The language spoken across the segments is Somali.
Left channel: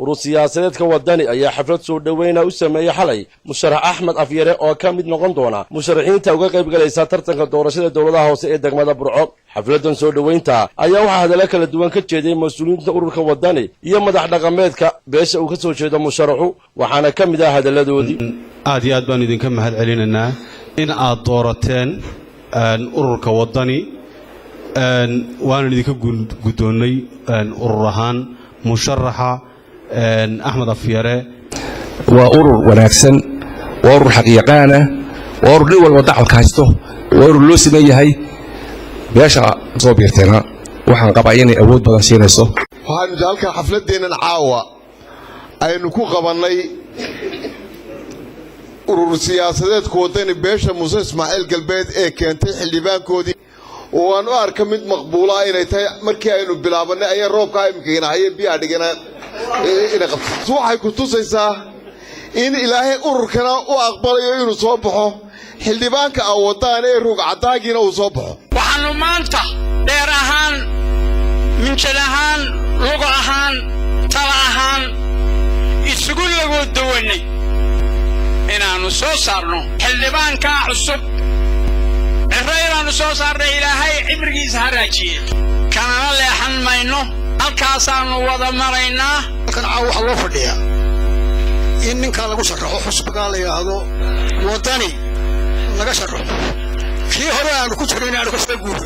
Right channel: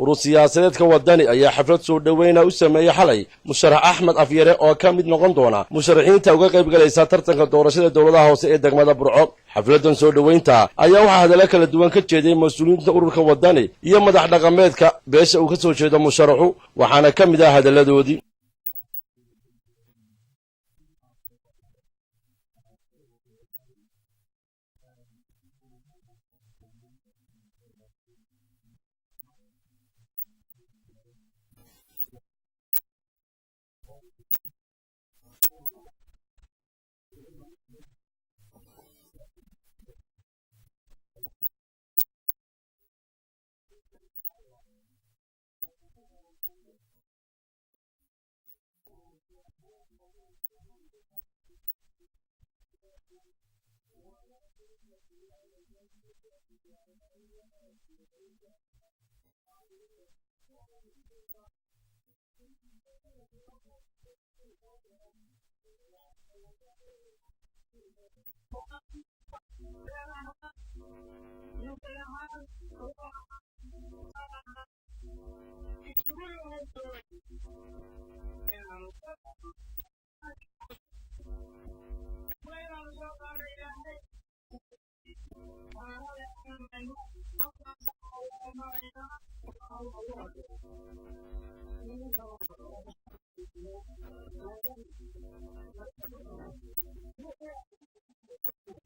urur siyaasadeedka wadani ayaa xaflad soo dhaweyn u sameeyay xalay musharax Axmed Afyare oo ka mid noqon doona musharaxiinta uga qayb galaysa tartanka doorashada dawladaha hoose ee degmada Burco. xafladan soo dhaweynta ayaa waxa hadallo kala duwan ka jeeday mas'uuliyiinta ururka wadani iyo madax dhaqameedka beesha uu ka soo jeedo musharaxu, waxaana ka mid ah hadalladoodii. aad iyo aad baan idinka mahad celinaynaa in aad doorateen ururka wadani waan idinka gudoonay urur ahaan musharaxa Axmed Afyare. waa urur wanaagsan, waa urur xaqiiqaana, waa urur dhul walba dacalka haysto, waa urur loo sameeyahay beesha soo biirteena waxaan qabaa inay awood badan siinayso. waxaanu halka xafladeenan caawa aynu ku qabanay urur siyaasadeedka wadani beesha Muuse Ismaaciil Galbeed ee keentay xildhibaankoodii oo aan u arka mid maqbuul ah inay tahay markii aynu bilaabanay ayaa roobka imkayna hayay biyaa dhigana ina qabto. waxay ku tusaysaa in ilaahay ururkana u aqbalayo inuu soo baxo xildhibaanka wadaan ee ruug cadaagina uu soo baxo. waxaanu maanta dheer ahaan minjal ahaan lugo ahaan tala ahaan isugu lagu dawanay inaanu soo saarno xildhibaanka cusub إحنا نصوص إلهي عمري زهراجي كان الله حنمينه الكاسان وضع مرينا كان عاوح الله فديها إن كان لقو شرحه حسب قال يا هذا وطني لقى شرحه في هراء لقو شرحنا لقو شرحه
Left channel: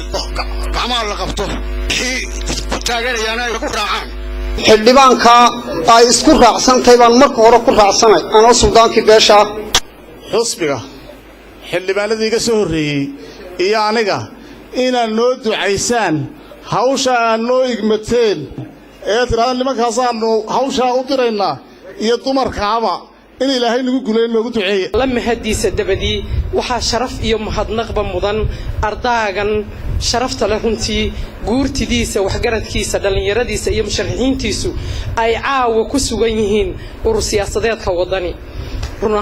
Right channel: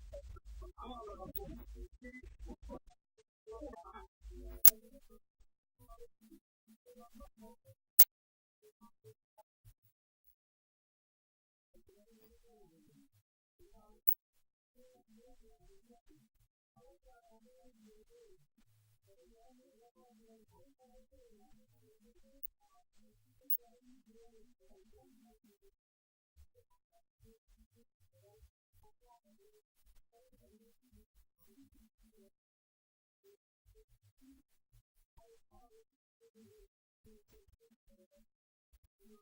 كعمال لقبته في تاجر يانا لقو راعان xildhibaanka ay isku raacsantahay baan marka hore ku raacsanay anoo suldaanki beesha xusbiga xildhibaanadii iga soo horeeyay iyo aniga inaan noo ducaysaan hawsha aan noo igmateen ee tiraan nimankaas aanu hawsha u diraynaa iyo dumarkaaba in ilaahay nagu guuleeyo noogu duceeyo lama hadiisa dabadii waxa sharaf iyo mahadnaqba mudan ardaagan sharafta la runtii guurtidiisa waxgaradkiisa dhalinyaradiisa iyo musharaxiintiisu ay caawa ku sugan yihiin urur siyaasadeedka wadani run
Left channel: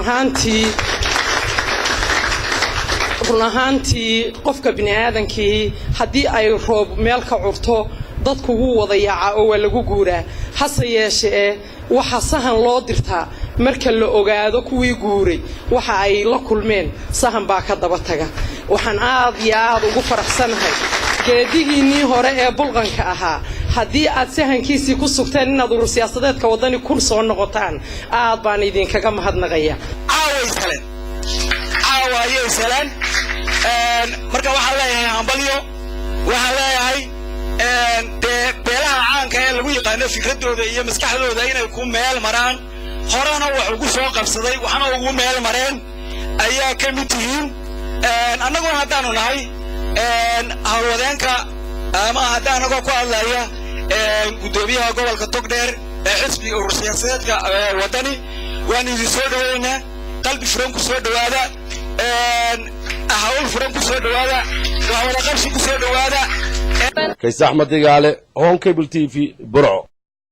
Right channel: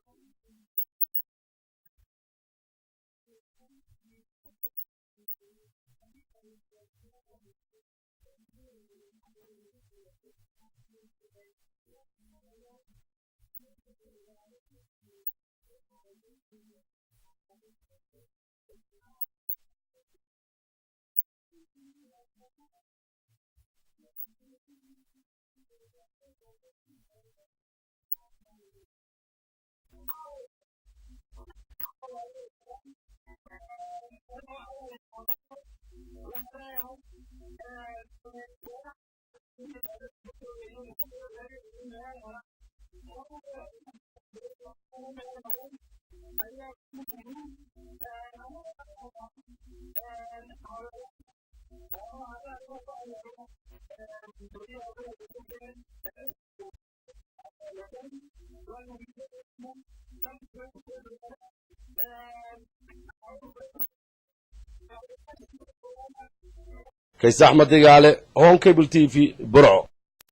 ahaantii qofka bini'aadankii haddii ay roob meel ka curto dadku wuu wada yaaca oo waa lagu guuraa hase yeeshee waxa sahan loo dirtaa marka la ogaado kuwii guuray waxa ay la kulmeen sahan baa ka daba taga waxaan aad iyo aad ugu faraxsanahay geedigiinii hore ee bulqanka ahaa haddii aad sahankiisii ku sugteen inaad urur siyaasadeedka wadani ku soo noqotaan aad baan idinkaga mahadnaqaya عاوي سلام marka waxa leeyahay hambalyo waxa leeyahay beelaha caanka ee lagu yaqaan fikradooda iyo maskaxdooda inay ku meel maraan horena wax ugu soo qabsaday waxana ugu meel mareen ayaa ka mid yihiin annagoo haddaanu nahay hawlwadeenka ama haddaanaga ku hadlaya gudoomiyaha gobolka Togdheer ee xisbiga urur siyaasadeedka wadani waan idin soo dhaweynaa qalbi furan ku soo dhawaada أهول فرنك سود وهذا وهو نقص سود وهذا كيس أحمد دجالة هون كيبل تي في برعو.